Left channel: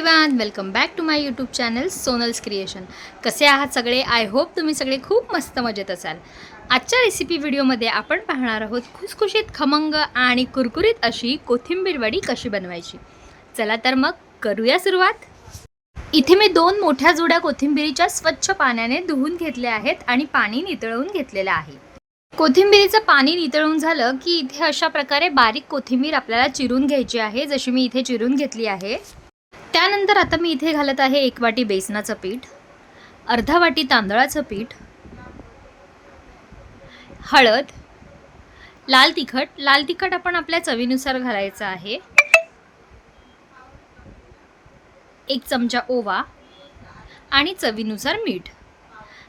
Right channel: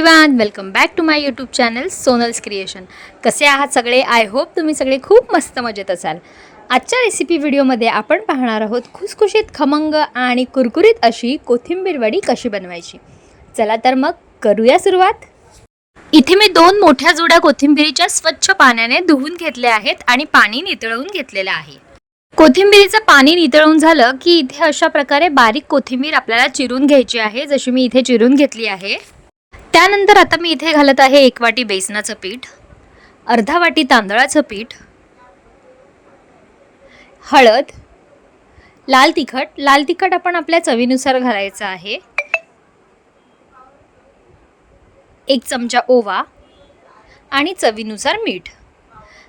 Everyone welcome back to my YouTube channel Sonal's creation कसे आहात सगळे? आय होप तुम्ही सगळे खूप मस्त मजेत असाल. आजच्या रेसिपी व्हिडिओमध्ये आपण पाहणार आहोत खुसखुशीत खमंग आणि कुरकुरीत अशी कोथिंबीर वडी कशी बनवायची. चला तर मग करूया सुरुवात. इथे मी दोन मोठ्या जुड्या कोथिंबिरीच्या स्वच्छ पाण्याने धुवून घेतल्या आहेत आणि पाणी नितळवून घेतलेलं आहे. कोथिंबीरीचं पाणी नितळून झालं की इथे अशा प्रकारे बारीक कोथिंबीर आपल्याला चिरून घ्यायची आहे जशी मी इथे चिरून घेतली आहे. त्यानंतर आता मी इथे घालत आहे एक वाटी बेसनाचं पीठ अर्धा वाटी तांदळाचं पीठ हळद लाल तिखट. लाल तिखट आपण आपल्या चवीनुसार घालायचं आहे. एक चमचा ओवा आणि चवीनुसार मीठ.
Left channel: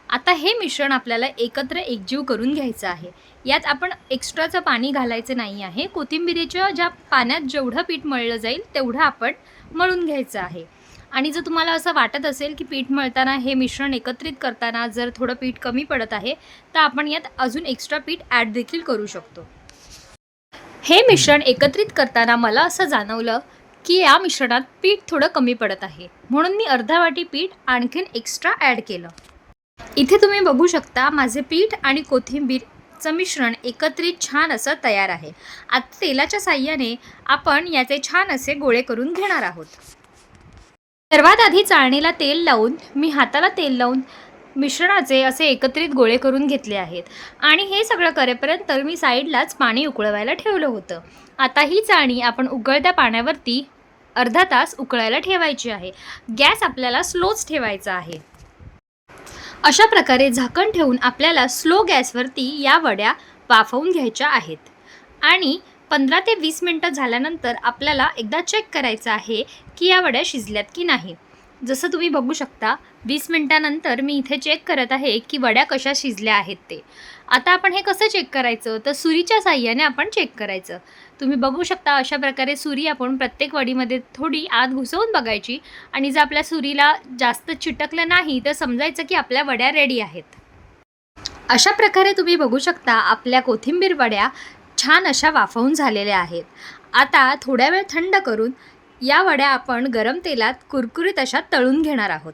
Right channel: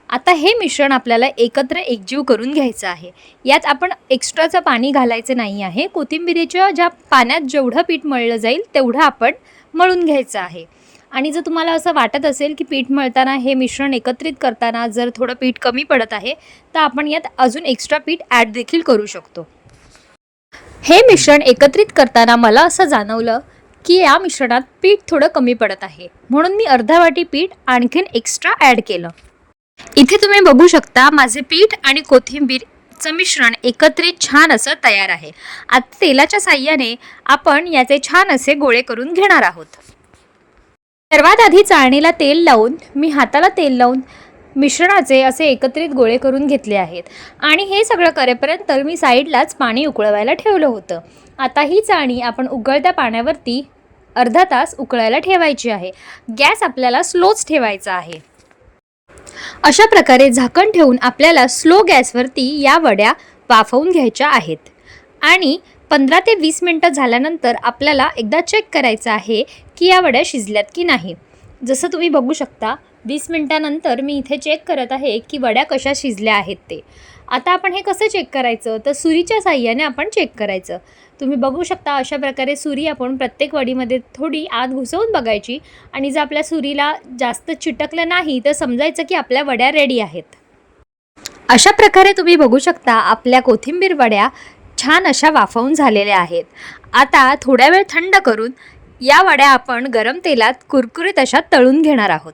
आता हे मिश्रण आपल्याला एकत्र एकजीव करून घ्यायचं आहे. यात आपण एक्स्ट्राचं पाणी घालायचं नाही आहे. कोथिंबिरीच्या ज्या पाण्यात जेवढं पीठ मळलं जाईल तेवढं आपण मळून घ्यायचं आहे. आणि जर तुम्हाला असं वाटत असेल की पीठ मळताना हे मिश्रण एकत्रित करताना जर थोडं पीठ कमी पडत आहे तर आपण यात अजून एक्स्ट्रा पीठ ॲड देखील करू शकतो. हे मिश्रण एकत्रित करताना मला असं जाणवलं की या मिश्रणात पीठ थोडं कमी पडत आहे. म्हणून मी अर्धा वाटी पीठ आणखीन एक्स्ट्रा ॲड केलं. इथे तुम्ही बघू शकता माझे पीठ आणि कोथिंबीर कोथिंबीरचं मिश्रण एकत्रित छान असं तयार आहे. आता तेलाच्या साह्याने आपण याचे छान असे गोळे करून घेणार आहोत. सर्वात आधी चाळणीला तेल लावून मी हाताला तेल लावून मिश्रणाचे असे एकत्रित गोळे करून घेतले आहेत. आणि हे सगळं करेपर्यंत मी साईडलाच पाणी उकळवायला ठेवलं होतं. आता ही चाळणी आपण उकळत्या पाण्यावरती अर्धा तास उकळायला ठेवायची आहे. गॅस आपल्याला स्लोच ठेवायचा आहे. अशा प्रकारे झाकण ठेवून आपल्याला स्लो गॅसवरती या वड्या वाफवून घ्यायच्या आहेत. आणि पंधरा ते वीस मिनटं झाल्यानंतर आपल्याला एकदा चेक करायचं आहे की या वड्या शिजल्यात की नाही. जसं तुम्ही बघू शकता वीस मिनटानंतर मी इथे चेक करत आहे की वड्या कशा शिजल्या आहेत ते. आता आपण हे कसं चेक करायचं? तर सुरीच्या साह्याने आपण चेक करायचं. तुम्ही बघू शकता अशा प्रकारे सुरी आपण प्रत्येक वडीमध्ये थोडी आत घुसवून बघायची. आणि जर आपल्या सुरीला जास्त चिटकलं नाही तर समजायचं की आपल्या वड्या रेडी आहेत. अशा प्रकारे तुम्ही बघू शकता आपल्या कोथिंबीर वड्या छान अशा वाफवून झालेल्या आहेत. आता थोड्या वेळ थंड करून या वड्या आपण गरम तेलात कुरकुरीत अशा तळून घेणार आहोत.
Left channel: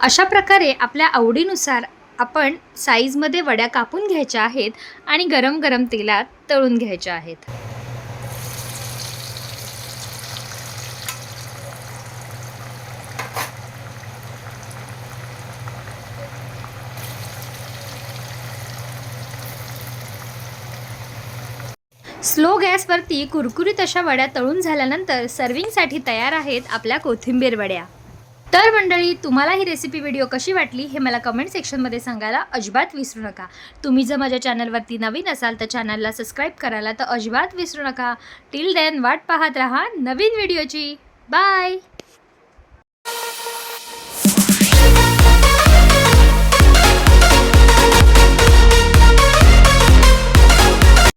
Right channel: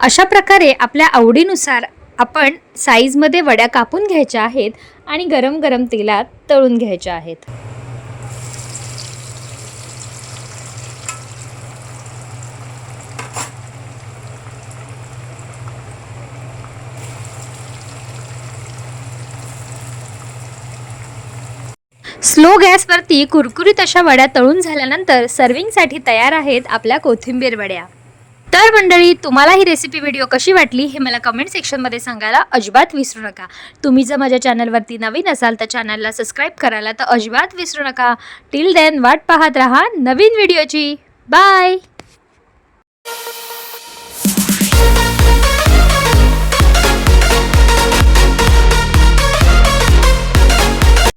अशा प्रकारे आपल्या आवडीनुसार आपण साईजमध्ये वड्या कापून घ्यायच्या आहेत आणि गरम गरम तेलात तळून घ्यायच्या आहेत. स्लो गॅसवरती कुरकुरीत अशा वड्या तळून झाल्यानंतर सर्विंगसाठी तयार आहेत आपल्या कोथिंबीर वड्या. तर मंडळी तुम्हाला ही रेसिपी व्हिडिओ कशी वाटली हे मला कमेंट सेक्शनमध्ये सांगायला अजिबात विसरू नका. तुम्ही जर माझ्या चॅनलवरती नवीन असाल तर चॅनलला सबस्क्राईब करायला तर अजिबात विसरू नका. टिल देन वाट पाहत राहा नवीन व्हिडिओची बाय